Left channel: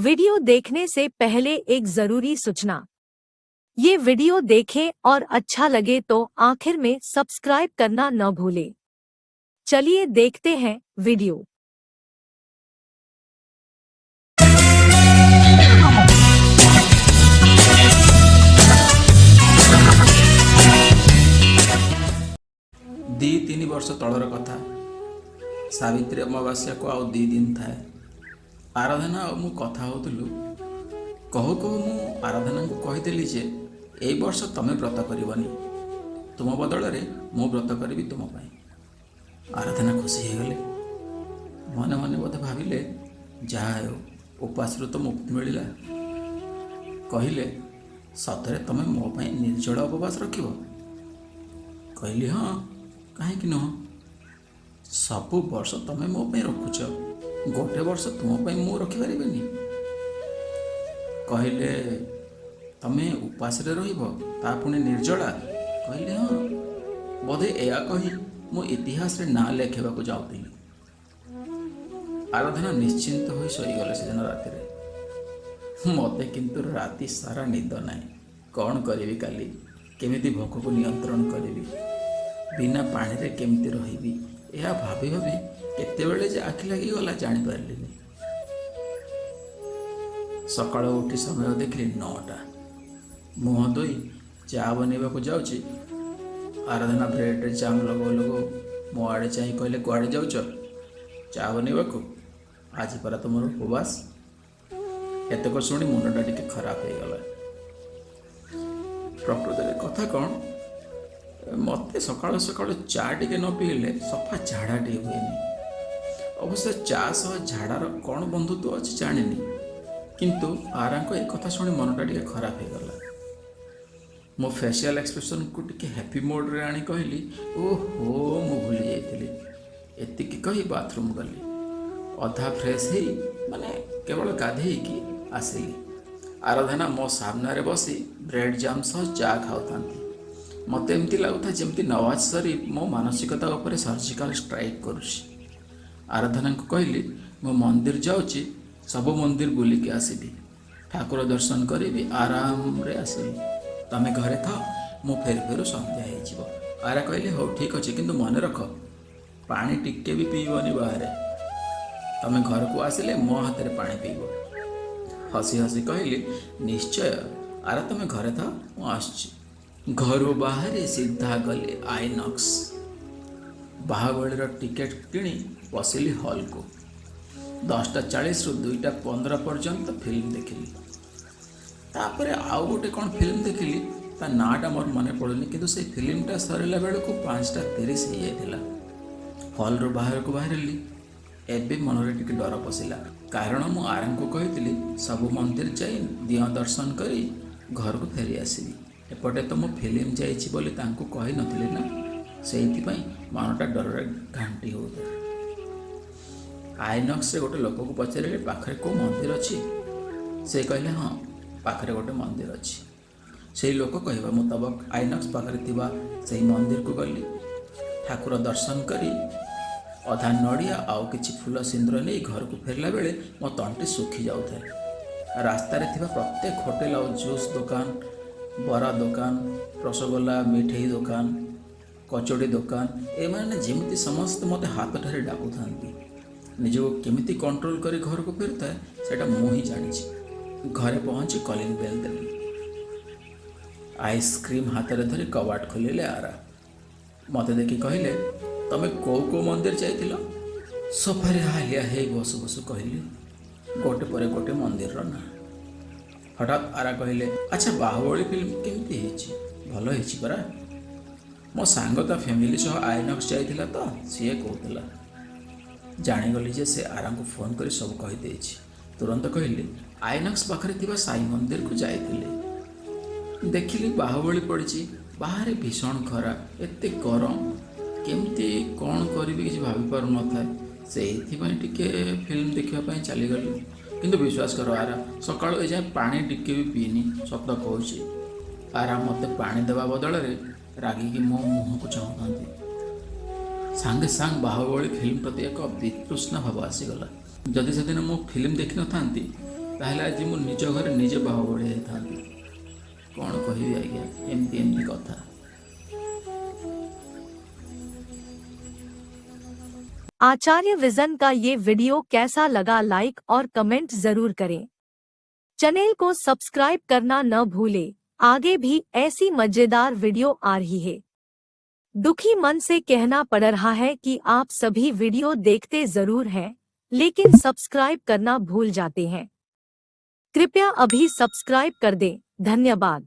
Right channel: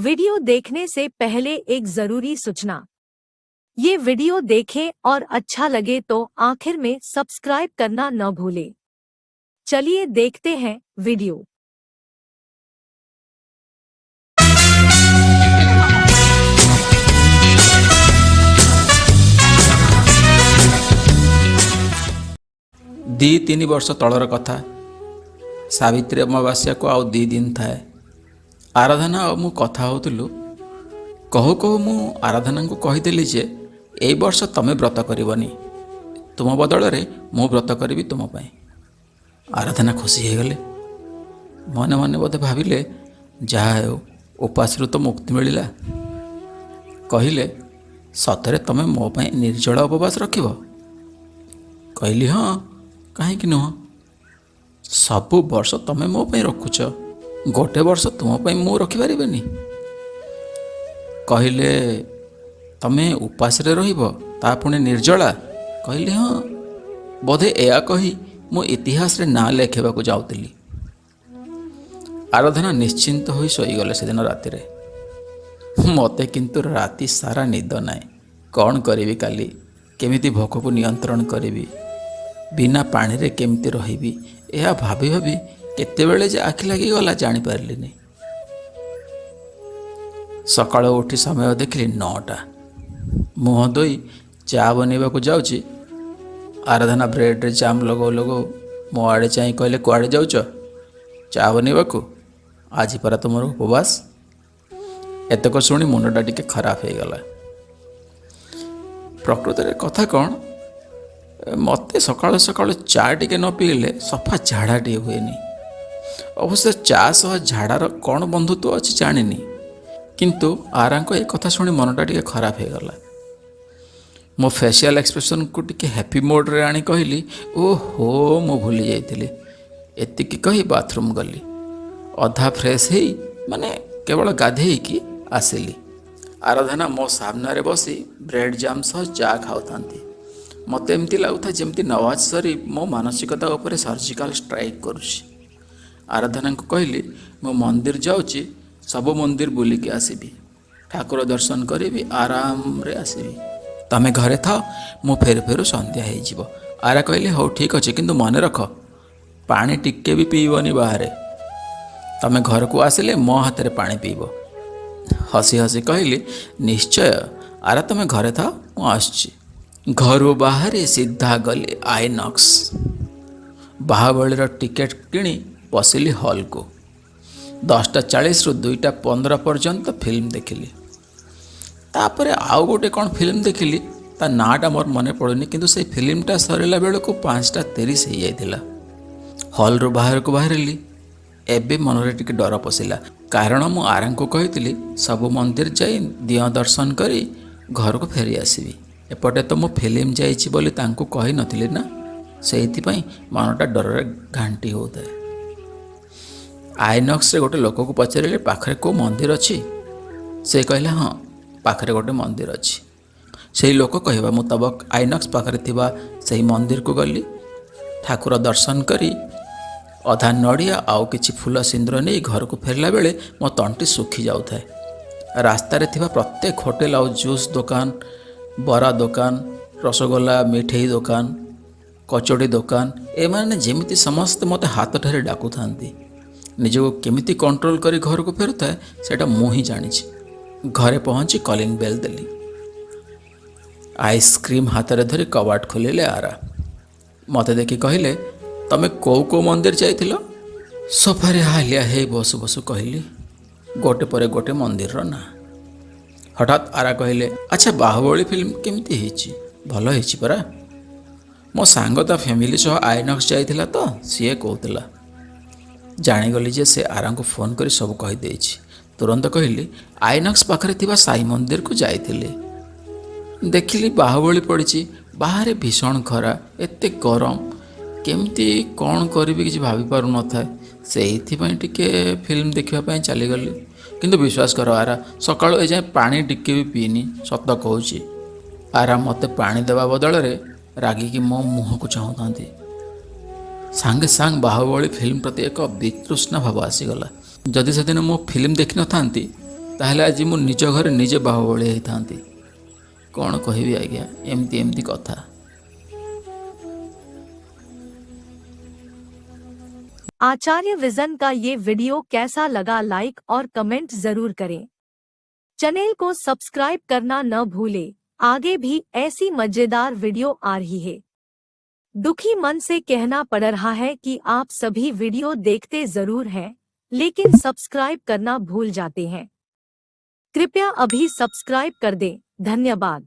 Video देखने से पहले एक जरूरी सूचना। ये वीडियो देखें और अच्छा लगे तो आखिर में सब्सक्राइब करना न भूलें। चलिए देखते हैं वीडियो। दी तीन वर्ष तलर कथा। सावित्री अमावास्या को आउ 2 दिन थाए। आराधना और मु कथा होतलु। कहू कहू मु आराधना को कहीदेली जे ए वर्ष तमे व्रत करबनी, तुम बदल रे मु व्रत करी तुम पाई। आराधना खुशी हो गले। मने मने बोधे भाविले जहा हो उपास तो मुक्ति मिलला। कहले सतरे तमे मो पाई निर्जल उपवास रखिब? कहली हाँ, कहीं नुह। सबु वर्ष तमे मो पाई रखुच, गोटे वर्ष तुम पाई मु रखिपारिबेनी? कहले तमे उपास रे रहिब ता पुणी निर्जला? कहली हाँ। बोधे एया कही मु इतिहास रे ना लेखेबा को जाउतिली। आराधना निश्चिंत होई सोईगले सेदिन राति रे। मते किंतु राति सारा निद नाई। कौन करिवि काली, केमिति भोक को नियंत्रण करिवि, बिना पानी रे केमिति रहिबि, यह भाभी भाभी केतेबेले जे आखि लागी गला जानी पारलिनी। सकाळ उठी समय देखिली 9टा। मुह धोई चा बनैबा को जाउची। आराधना ब्रेड रे जाम लगो लगो मो आड़े चाहि कहले कुआड़े जाउच? चा बनैबा को? आज परा तुमर उपवास। एतक शुणी मुंडटा टिके खराब हो गला। प्रकृत रे कथा कौन, मते सकाळ सकाळ चा टिके न पीले सफा झाड़ा टे हुएनी। अवश्य चा सह झाड़ार कौन बंधुत्व अच्छी जानिनी, किंतु आरांको ए कथा शुणी मनटा टिके खराब हो गला। मो फेशियल एक्सप्रेशन को टिके हैप्पी मोड रे आनी कहली ओहो मो भूली जाइतिली। एतिकी कही बाथरूम गली। अधा फ्रेश ही माने केवल गाधे की आसिली। आराधना मो सामने रे बसी ब्रेड जाम सह चा खाउथांती। मते एमती लगुता जमती नवाज शरीफ मो मानसिकता उपरे सर्जिकल स्ट्राइक करुछि। आराधना को कहली मो मंदिर जाउची, सब मंदिर बुलिकी आसीबी, ठाकुर दर्शन करी आराम रे आसीबी। तमे घरे था, मु फेर फेरु संध्या हो जिवो। आरा कहले हो ठीक अच्छे, किंतु मन रख पानी टिके भी पीबनी बाहर। तमे घर को आसिले मो हाथ रे पानी पीब। हसी हसी कहली निश्चय। आरा तमे घरे था, मु आसची। घरू बाहरी सीधा गली आईनॉक्स। बाहुबलीर टिकेट किणी बसिली हॉल को। 10:40 रु 2:15 पर्यंत फिल्म देखिली। तापरे आउ गोटे कौन फिल्म देखिली, ता नाटा मोर मने पड़ुनी, किंतु से फिल्मटा सरिला बेलू 5:30 हो जाइथिला। हॉल रू बाहर को बाहरिली। एबे मनरे टिके डर पशिला, कारण मु आराम को कहितिली सब मंदिर जाई दिया दर्शन करी घर को फेरी आसीबी। एपटे तो मु फिल्म जाइछि बोली तांको कहि नथिली ना, सेहिथिपई मनटा डररे घांटी होता। आईनॉक्स रे गोटे लोक को पचारिले पाखरे को मंदिर अछि? से कहले हाँ, पाखरे गोटे मंदिर अछि। सेही लोक कहवा मुताबक आईनॉक्स पाखरे थिबा सेही मंदिर को गली। ठाकुर दर्शन करी अधा नड़िया आउ किछि फूल सिंदूर नहीं घर को फेरला बेले मो तंटी सुखी जाउथाए। रास्ता रे थिबा प्रत्येक होटेल आउ जूस दुकान, बरा दुकान, रसगोल्ला मिठेई दुकान, कचोड़ी दुकान, एमाने जेमिति समस्त मते हाथ ठारे डाकू थांती। निजको केमिति कंट्रोल करी घर को फेरुताए सेटा मु ही जानिछि। घरे पहुंची कॉलिंग बेल देली। आइसक्रीम हाथ रे धरी कबाट खोलिले आरा। मते देखि कहले तमे को मंदिर जाइथिलो? सोफारे हालिया हे बसु बसु कहली गोटे परे गोटे मंदिर रो ना। हठात आरा कहले अच्छा बाहुबली फिल्म केमिति हेछि? भल हेछि परा। मो सांग ता फैमिली सह आईनॉक्स जाइथिला तो सीए कहउतला। जानिगली जे से आरा को फोन करी सब कहि देछि। तुरंत कहली आईनॉक्स पाखरे थिबा साई मंदिर को जाइथिले। देखिली बाहुबली पड़िछि, बाहर भीषण खरा, एते गरम, केमती कौन करी किसी भाभी पार न था। से टिके फिल्म देखा चलीगली। किंतु विश्वास कर आरा सकाळु ए जाए पानी टिके भी पीनी, सत कहूँ। आरा मते पानी देवा बदल रे रागिकी मो मुह को चाहूँ। सांगे सांग बाहुबली फिल्म प्रति एक वितृष्णा भाव आसीगला। जदि से दिन मो फिल्म देखी न था ताहले आज मु निज घरे निजे बाहु बड़े होता कौन कहबी आज्ञा एमती एमती कथा। आचार्य विजन का ये वीडियो कैसा लगा लाइक और कमेंट जरूर करें। चैनल को सब्सक्राइब करना न भूले, आगे भी ऐसी मजेदार वीडियो आ रही है। दुखी मन से कहना पड़ रहा है कि आप सभी वीडियो देखते जरूर हैं, लेकिन सब्सक्राइब करना भूल जाते हैं। कृपया अभी सब्सक्राइब कर दें। धन्यवाद।